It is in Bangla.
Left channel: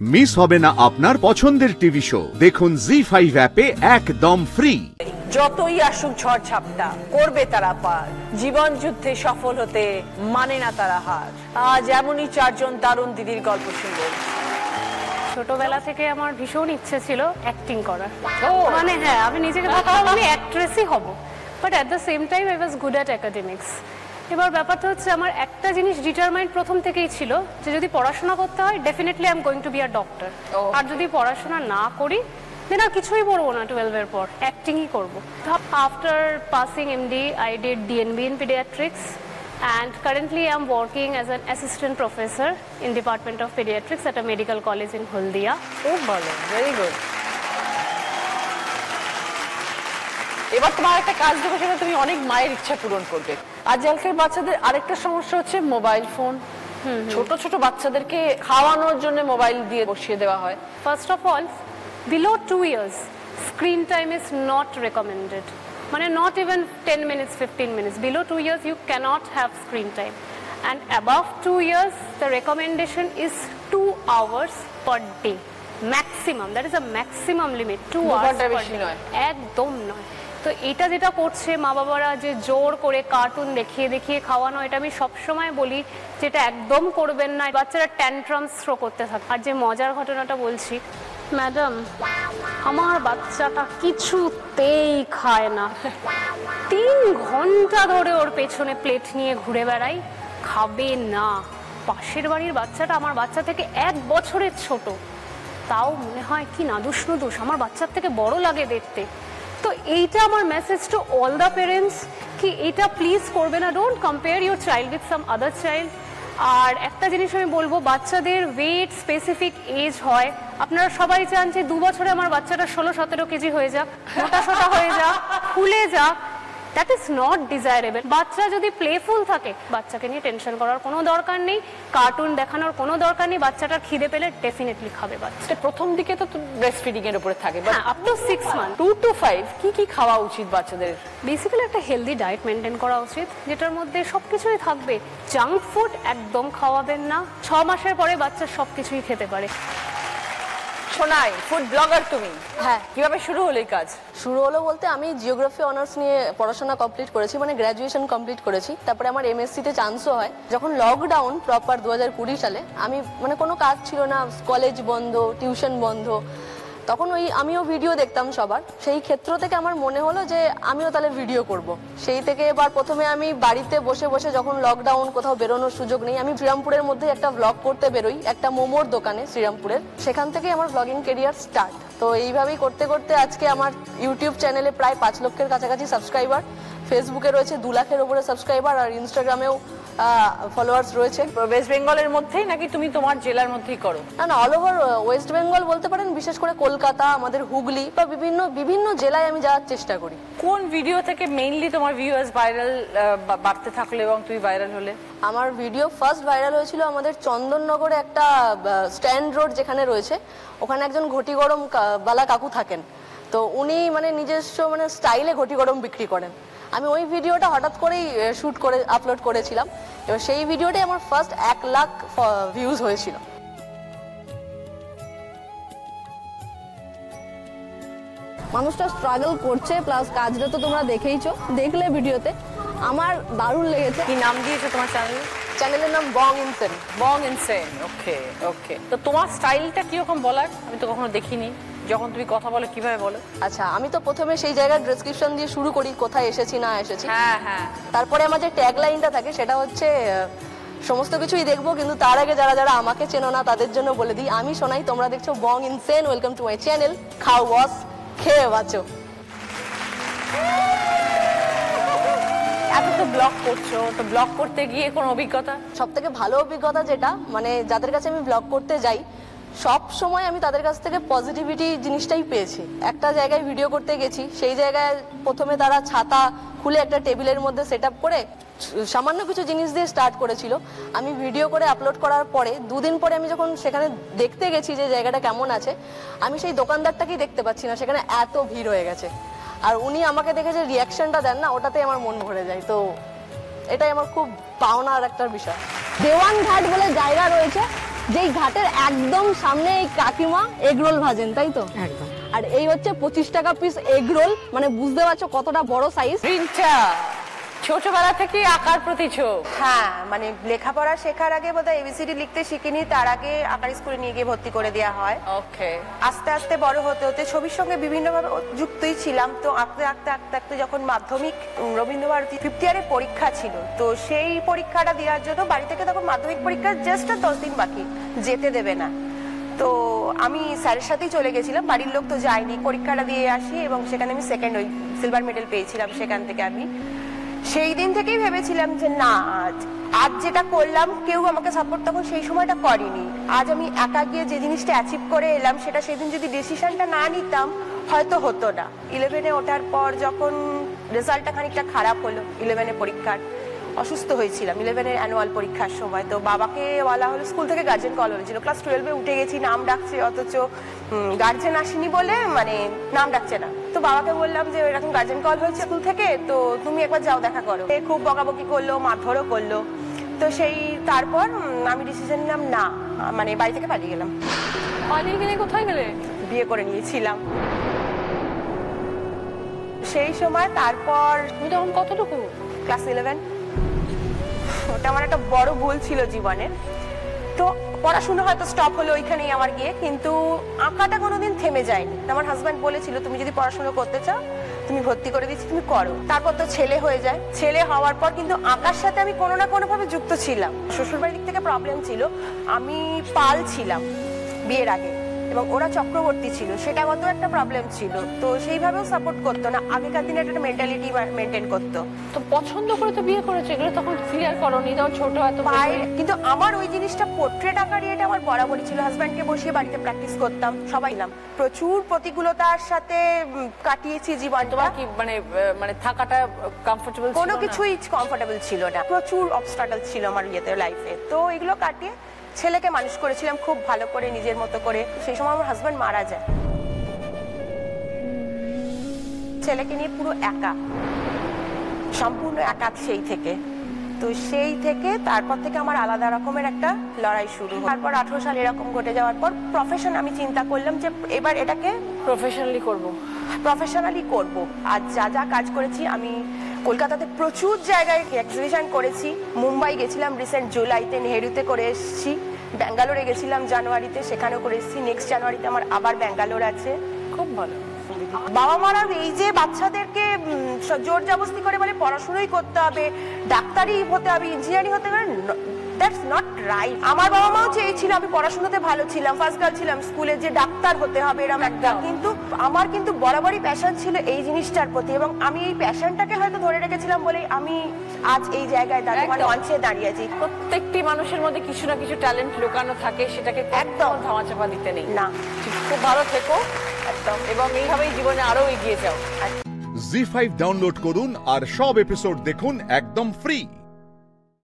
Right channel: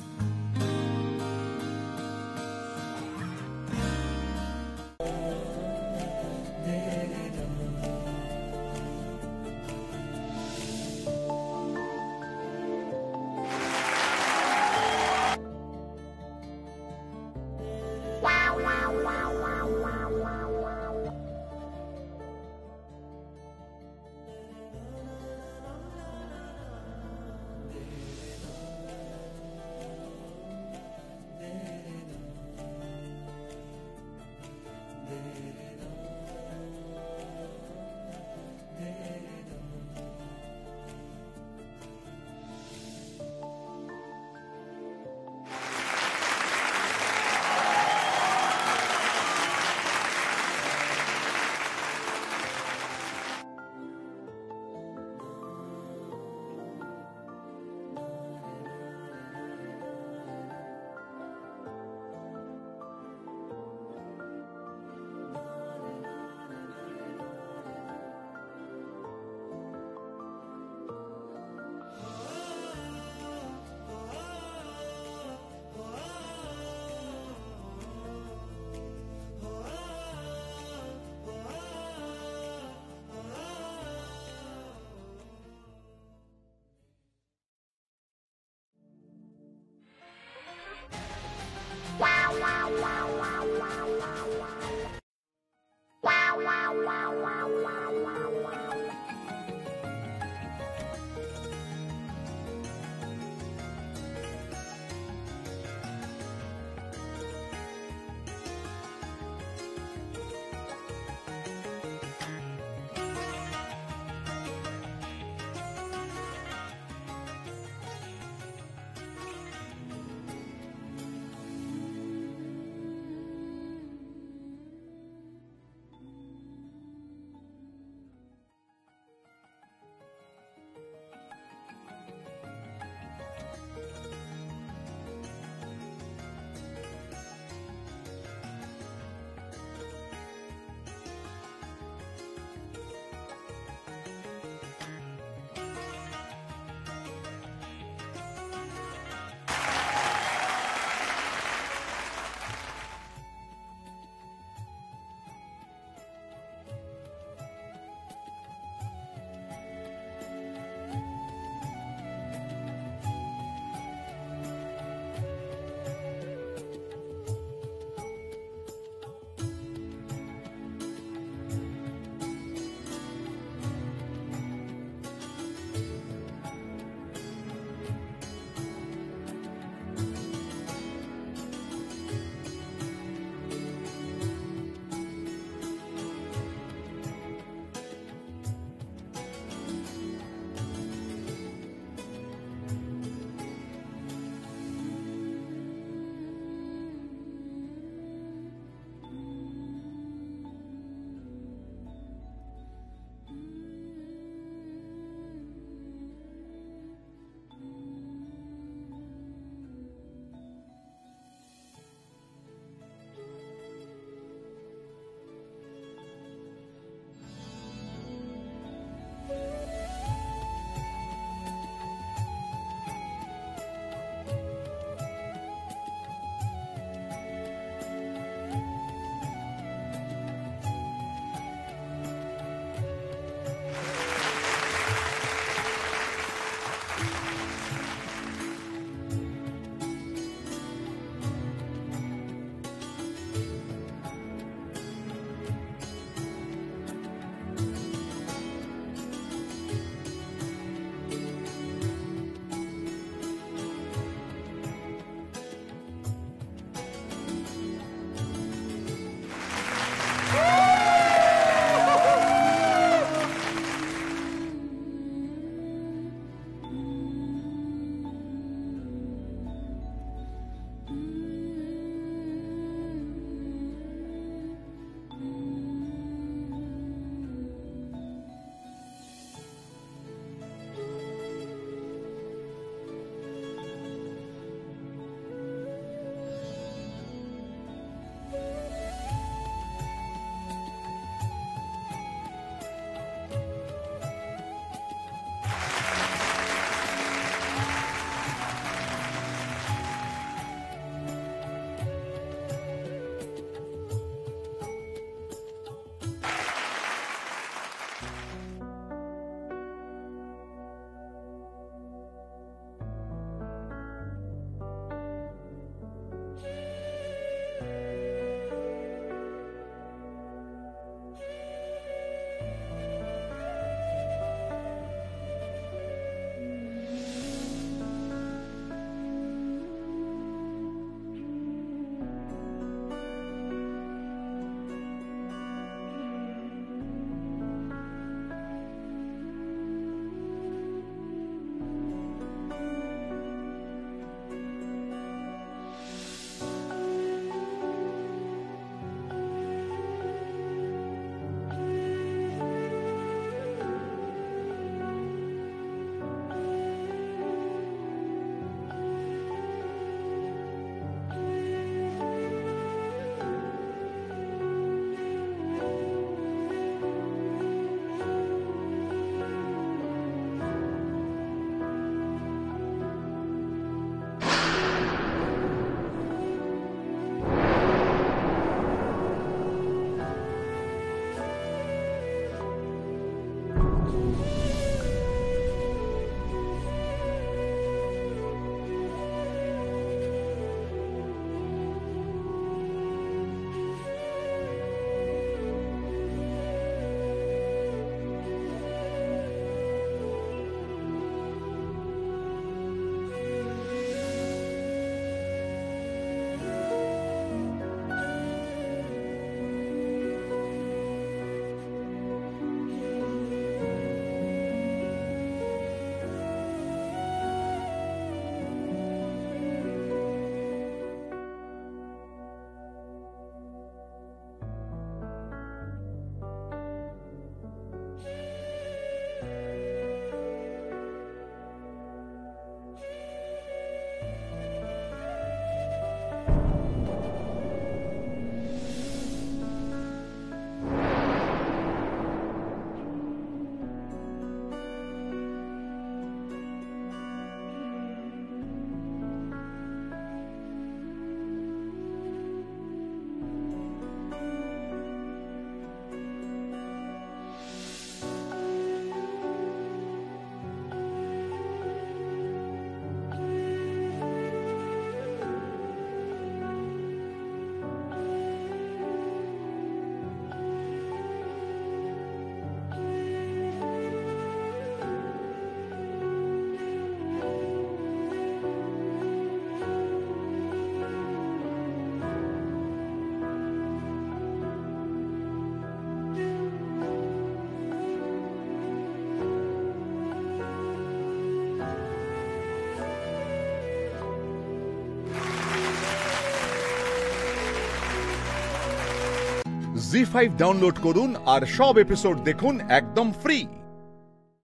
মিস হবে না আপনার পছন্দের টিভি শো দেখুন জি5 অ্যাপে একদম ফ্রি। যতই আসুক ঝড় ঝাপটা করবে তারা পার, জীবন যুদ্ধে সফল হতে মানে না তারা হার। আজ এমনই চারজন দারুণ দিদির গল্প শুনবো। ছোটবেলা থেকে আমার ভীষণ ইচ্ছে ছিল অ্যাক্টিং করার, মানে হ্যাঁ আমি নিজেকে ভাবতাম আমি অ্যাক্ট্রেসই হব, but at the same time I was good at academics. এবার ব্যাপারটা হচ্ছে আমার একটা জিনিস ডিটারমাইন্ড প্রথম থেকেই ছিল যে যদি পড়াশোনা করতে হয় definitely I am going to be a doctor, আর যদি পড়াশোনা না করি দেন আর কিছুই পড়বো না, 12 এর পর অ্যাক্টিংই করবো। After passing MD I did DNB in paediatrics and currently I am working as an assistant professor in Department of Pediatrics at a medical college in Huldia. খুব ভালো, ভেরি গুড। এবার তোমার একটা কাজ দেবো, সেটা তুমি অনেক মায়ের ইচ্ছা পূরণ করবে। আজকালকার বাচ্চাদের আরেকটা সমস্যা হচ্ছে মোবাইল ফোন। ছোট ছোট বাচ্চাদেরকে খাওয়ানোর জন্য মোবাইল দিয়ে বসিয়ে দেওয়া হয়। First of all, below 2 years screen time is not recommended. মানে not even 10 minutes 15 minutes, below 2 years you cannot have screen time, and above 2 years the recommendation is 2 hours per day maximum. That is a maximum limit, 2 hours per day, একদম নয়। তো এটা যেটা করছে মা বাবারা, যে জোর করে কার্টুন দেখিয়ে দেখিয়ে খাওয়ানো, এটা আমি সবসময় বলি যেটা একদম করবেন না, বাচ্চারা ট্যান্ট্রামস থ্রো করতে থাকে। আর যে মজার ঘটনাটা বলছি, ম্যাডাম আমার বাচ্চাটা কিছুতেই খায় না, 3 ঘন্টা ধরে ওর পেছনে প্লেট নিয়ে ঘুরে বেড়াই, খাবে না। পাশের বাড়ির বাচ্চাটা আমার বাচ্চা থেকে 1 বছরের ছোট, তাও মনে হয় কি নাদুস নুদুস, আমার বাচ্চার থেকে বড় লাগে দেখতে। তো এইটা আমার message to all the parents কি এটা প্লিজ করবে না, don't compare your child with some other child. আর একটা জিনিস আমি বলবো, বাচ্চাদের ওয়েট স্পেসিফিক এজ হয়। আপনারা সবাই চান যে 2 বছরে আমার বাচ্চাটা 16-17 কেজি হয়ে যাক, মোটা সোটা হয়ে যাক, ফুলে যাক, দ্যাট ইজ নট ডিজায়ারেবল। বাচ্চা যদি প্লেফুল থাকে, বাচ্চাকে নিয়ে টেনশন করার কোনো দরকার নেই, কার্টুন দেখানোর কোনো দরকার নেই। বাচ্চাটার খিদে পেলে ডেফিনেটলি খাবে বাচ্চা। প্রথম দিকে তো ব্রেস্ট ফিডিং এর উপরে থাকে, but up to 6 month 2 to 5 কি কি খাওয়া উচিত বাচ্চাদের? বেসিক্যালি একটা হেলদি ডায়েট মেনটেন করা উচিত, যেটার মধ্যে সবকিছুই থাকবে। জাঙ্ক ফুড একদম খাওয়াবেন না। 6 মাসের পরে বাচ্চা সবকিছুই খেতে পারে। শোনাই, ফুড ব্লগার তুমি, হ্যাঁ। কিভাবে শুরু হলো এই কাজ? শুরু হলো বলতে আমি জিওগ্রাফি অনার্স নিয়ে পড়াশোনা কমপ্লিট করেছি, মানে গ্র্যাজুয়েশন কমপ্লিট করেছি। তারপরে আমার এমএসসিতে চান্সও হয়। যখন লকডাউন প্রপার 2020 সালে, আমি মানে কোনো কাজ ছিল না, কলেজ বন্ধ, টিউশন বন্ধ, তখন আমিও ভিডিও দেখতাম সবার। সেই ক্ষেত্র থেকে আমার মনে হলো যে আমিও তাহলে ভিডিও করব। সেই থেকে এবার প্রথমে আমি বাড়িতে বসে বসে, যখন লকডাউন, কোথাও বেরোনোর সুযোগ নেই, আমি শ্রীরামপুরের মধ্যে একটা ব্লগ করতে বেরোই, একটা মোমোর দোকানে শ্রীরামপুরের। সেখান থেকেই আমার ব্লগিং কেরিয়ার স্টার্ট। তো এইভাবেই করতে করতে আজকে আমার ইউটিউব চ্যানেলে প্রায় 5 লক্ষের কাছাকাছি সাবস্ক্রাইবার, ফেসবুকে রয়েছে 2 লাখের উপরে সাবস্ক্রাইবার, আর ইনস্টাগ্রামেও ফলোয়ার্স রয়েছে। ওয়েস্ট বেঙ্গলের মধ্যেই নাকি তুমি তোমার জেলার মধ্যেই করো? না, অল ওভার ওয়েস্ট বেঙ্গল বলতে পারেন, বিশেষ করে কলকাতা, আমাদের হুগলি বা বিভিন্ন জেলায় আমি যাওয়ার চেষ্টা করি। কোন ভিডিও থেকে মেইনলি তোমার ভিউয়ার্স ভাইরাল বাড়তে থাকলো এবং তুমি ভাইরাল হলে? আমার ভিডিও ফার্স্ট ভাইরাল হয়েছিল আমাদের চন্দননগরে একটা স্ট্যান্ড রোড যেখানে রয়েছে, ওখানে একজন ঘটি গরম বালা কাকু থাকেন। তো উনি মানে নিজস্ব মানে স্টাইলে ঘটি গরম বিক্রি করেন। আমি ওই ভিডিওটা হঠাৎ করেই শুট করে আপলোড করেছিলাম। এবার সেই ভিডিওটাই আমার ফার্স্ট 1 লাখ ভিউজ হয়েছিল। মানুষটা স্ট্রাগল করছে, প্লাস কাজটা তো তোমরা দেখেইছো, দেখলে ভিডিওতে। আমার দারুণ লেগেছে। কি নাম দিয়েছো তোমার চ্যানেলের নাম বং ইনসেন। বং ইনসেন, ওকে ওকে। তো তোমার স্টাইলটা কিরকম বলার? আমি তো কখনো দেখিনি। যখন তুমি কথা বলো কিভাবে বলো? আচ্ছা, আমি তো প্রথমে সেই জায়গার ডেসক্রিপশন দিয়ে শুরু করি, কোথায় এসেছি না এসেছি। হ্যাঁ হ্যাঁ। তারপরে আমার যে ট্যাগ লাইনটা থাকে সেটা হচ্ছে সমস্ত কিছুই দেখবো, কিন্তু তার আগে যারা যারা আমাকে চেনো না তাদের জন্য বলে দিই, আমি শোনাই, তোমরা দেখছো Bong insane, welcome to my channel, খাও বস, খেয়ে বাঁচো। ব্লগ করছো, তো ব্লগ করতে গিয়ে কোনো অভিজ্ঞতা? সব থেকে ভালো অভিজ্ঞতা যেটা, মানে যাদের কাছে আমি ব্লগ করতে যাই, সব সময় আমি তাদের কাছ থেকে পজিটিভিটি জিনিসটাই পেয়েছি। একটা জায়গায় ভিডিও করতে গেছি, সেই জায়গায় প্রথমে তারা ছাতা খুলে একটা টেবিলের মধ্যে সেট আপ করে সামান্য কিছু জিনিস দিয়ে স্টার্ট করেছিল। আমি ভিডিও করে আপলোড করার পরে 2 দিন পরে আমি যখন সেখানে দেখতে গেছি যে জায়গাটা কেমন আছে, আমি সেই দোকানদারটাকেই দেখতে পাচ্ছি না, সেখানে এত ভিড় হয়ে গেছে। আর উনি আমাকে দেখে যে রিয়াকশনটা দেন না, ওটাতেই আমার মন ভরে যায়। তো এটাই আমার খুব পাওনার একটা বিষয়। দেওয়ান ঘাট বলে জায়গা রয়েছে, যেই ঘাটের একদম সামনে এই কাকিমা এগরোল ভাজেন, তাই তো? একদম। আর এই হচ্ছে 25 টাকা পিস এগরোল, মানে বুঝতে পারছো কতটা বড় সাইজ। রিঞ্চা ছোটবেলা থেকে আঁকার প্রতি ঝোঁক। হ্যাঁ, মানে লেখাপড়া শেখার আগে বোধহয় এবিসিডি লিখতে শিখিনি, তার আগে আঁকার স্কুলে নিয়ে গিয়ে ভর্তি করে দেওয়া হয়। ওকে। আস্তে আস্তে বড় হতে হতে ছবির সঙ্গে বিভিন্নভাবে যুক্তই ছিলাম। তো আঁকতে আঁকতে আঁকতে আঁকতে যখন মাধ্যমিক রবীন্দ্রভারতী 5th ইয়ারের পরীক্ষা ছিল, তো সেই পরীক্ষাটা দেওয়ার জন্য বাড়ি থেকে তখন মাধ্যমিক পরীক্ষার জাস্ট 10 দিন বাকি, যেতে দেবে না। তো আমি স্যারের সাথেই চলে গেছিলাম, বাড়ির লোক তো যায়নি। পরীক্ষাটা দিয়ে আসি এবং সেখানে আমি সেকেন্ড ওই সিলভার মেডেল পেয়েছিলাম। সেখান থেকে আমি সেই দিন থেকেই ভেবেছিলাম যে না, আজ যেটা করলাম কেউ আমাকে সাপোর্ট তখন সেই সময়টা করেনি। আজ আমি একা গিয়ে যে জিনিসটা অ্যাচিভ করে এলাম, সেটা সেদিন যদি ডিসিশনটা না নিতাম হয়তো হতো না। 11-এ ওঠার পর যখন রেজাল্টটা খানিকটা খারাপ হলো, 11-এ পরীক্ষার, অসুস্থ হয়েছিলাম 11-এর অ্যানুয়াল পরীক্ষার সময়। তো বাবাকে বলা হলো, স্কুল থেকে গার্জেন কল হয়েছিল, ক্লাস 12-এ উঠে গেছি, নাম ডাকছে, অথচ গার্জেন আসেনি বলে মানে নাম ডাকছে না। তো বাবাকে বললাম যে এরকম গার্জেন কল হয়েছে স্কুল থেকে, তো তুমি একবার যাও দেখা করো। খুব বকাবকি করলো, মারধরও করলো। তো সেই তারপর আমি ডিসিশন নিলাম না, মানে বাড়ি থেকে পালিয়ে গেলাম। পালিয়ে গেলে কোথায় গেলে? বিয়ে করে নিয়েছিলাম সেই সময়। তারপর তুমি তখন কতটুকু? ক্লাস 11। ওটা আমার একটা বড় ভুল ছিল জীবনে। তো পড়াশোনা হয়তো স্টপ হলো ওইখানেই আমার গিয়ে, কিন্তু আঁকাটা কোনোদিন থেমে যায়নি। আমার হাজব্যান্ড বলেছিল তুমি যদি পড়াশোনা করতে চাও, তুমি ভর্তি করে দিচ্ছি, তুমি করো। তারপর তো ছেলে হয়ে যায়। ছেলে হওয়ার পর কিন্তু আঁকার সাথে আমি কোনো না কোনো ভাবে যুক্ত ছিলাম। শ্বশুরবাড়ির দিক থেকে প্রবলেম ছিল, আমি পাল ছিলাম বিয়ের আগে এবং ওরা চক্রবর্তী ছিল, সেটা মতো একটা প্রবলেম ছিল। তো সেইভাবেও সাপোর্ট করতো না। আগেকার দিনে একটা মেন্টালিটি মেনটেন করতো। তো পছন্দ করে তো বিয়ে করেছে, এগুলো তখন ক্লিয়ার করোনি, তাও ছোট এত পায়ে। কিন্তু আমার ওই জিনিসটা পোর্ট্রেট আঁকার এটা আমার বরাবরই ছিল। হাজব্যান্ডকে বসিয়ে বাড়িতে প্র্যাকটিস করতাম, সবাই নাম। প্রচুর প্রতিকূলতার সাথে কাটিয়েছি জীবন। তোমার কি মানে থাকাটা কমফোর্টেবল ছিল? কোনো কিছুই কমফোর্টেবল ছিল না, প্রচুর অবস্ট্রাগল ছিল আমার ইয়েতে, লাইফে। তো এগুলো কাটিয়ে ছেলেকে মানুষ করেছিলাম খুব ভালো করে, নিজের মতো করে। সেই সময় আমার হাজব্যান্ড মারা যায়, ছেলেকে নিয়ে পুরো একা, সম্পূর্ণ একা সেই থেকে। তো সেই থেকে তারপর থেকে আমার আলাদা রকমের একটা লড়াই শুরু। তারপর 18 সাল এরকম ঘটে যাওয়ার পর প্রফেশন আমি চিন্তা করলাম যে এবার এটাকে প্রফেশনালি করব। আর যা যা কাজ করেছি আমি কলকাতাতে প্রচুর জায়গায় এক্সিবিশন করেছি। মুম্বাই গেছিলাম রিসেন্ট জুলাইতে, নেহেরুতে করে এসেছি। ব্যাঙ্গালোরে গেছিলাম জানুয়ারিতে, সেখানেও করে এসেছি। নেক্সট জানুয়ারিতে আমার আবার ব্যাঙ্গালোর আছে। খুব ভালো। বাবা মারা এই যে বাচ্চাদেরকে জোর জবরদস্তি করে বলে পড়াশোনাই করতে হবে, ডাক্তারি হতে হবে, ইঞ্জিনিয়ারিং হতে হবে, দ্যাটস নট রাইট। আমার বাবা মাও চেয়েছিল আমি পড়াশোনাতে ভালো ছিলাম, ফার্স্ট গার্ল ছিলাম স্কুলে, যে ডাক্তার হতে হবে এরকম একটা। কিন্তু আমার কিন্তু বরাবরই প্যাশন ছিল এই জিনিসটার প্রতি, এবং আমি এই প্যাশনটাকে হয়তো ধরে রেখেছিলাম বলেই আমি আজ এই জায়গায় দাঁড়িয়ে, মানে মঞ্চে দাঁড়িয়েছি। প্রত্যেকটি মানুষের মধ্যে কিছু না কিছু ট্যালেন্ট লুকানো থাকে, সেটাকে একদম ধামাচাপা দিতে নেই। না, খুব ভালো থেকো একদম, এবং এইভাবেই জীবনে আরো এগিয়ে যাও। জি5 ডাউনলোড করুন আর সব এপিসোড দেখুন একদম ফ্রি।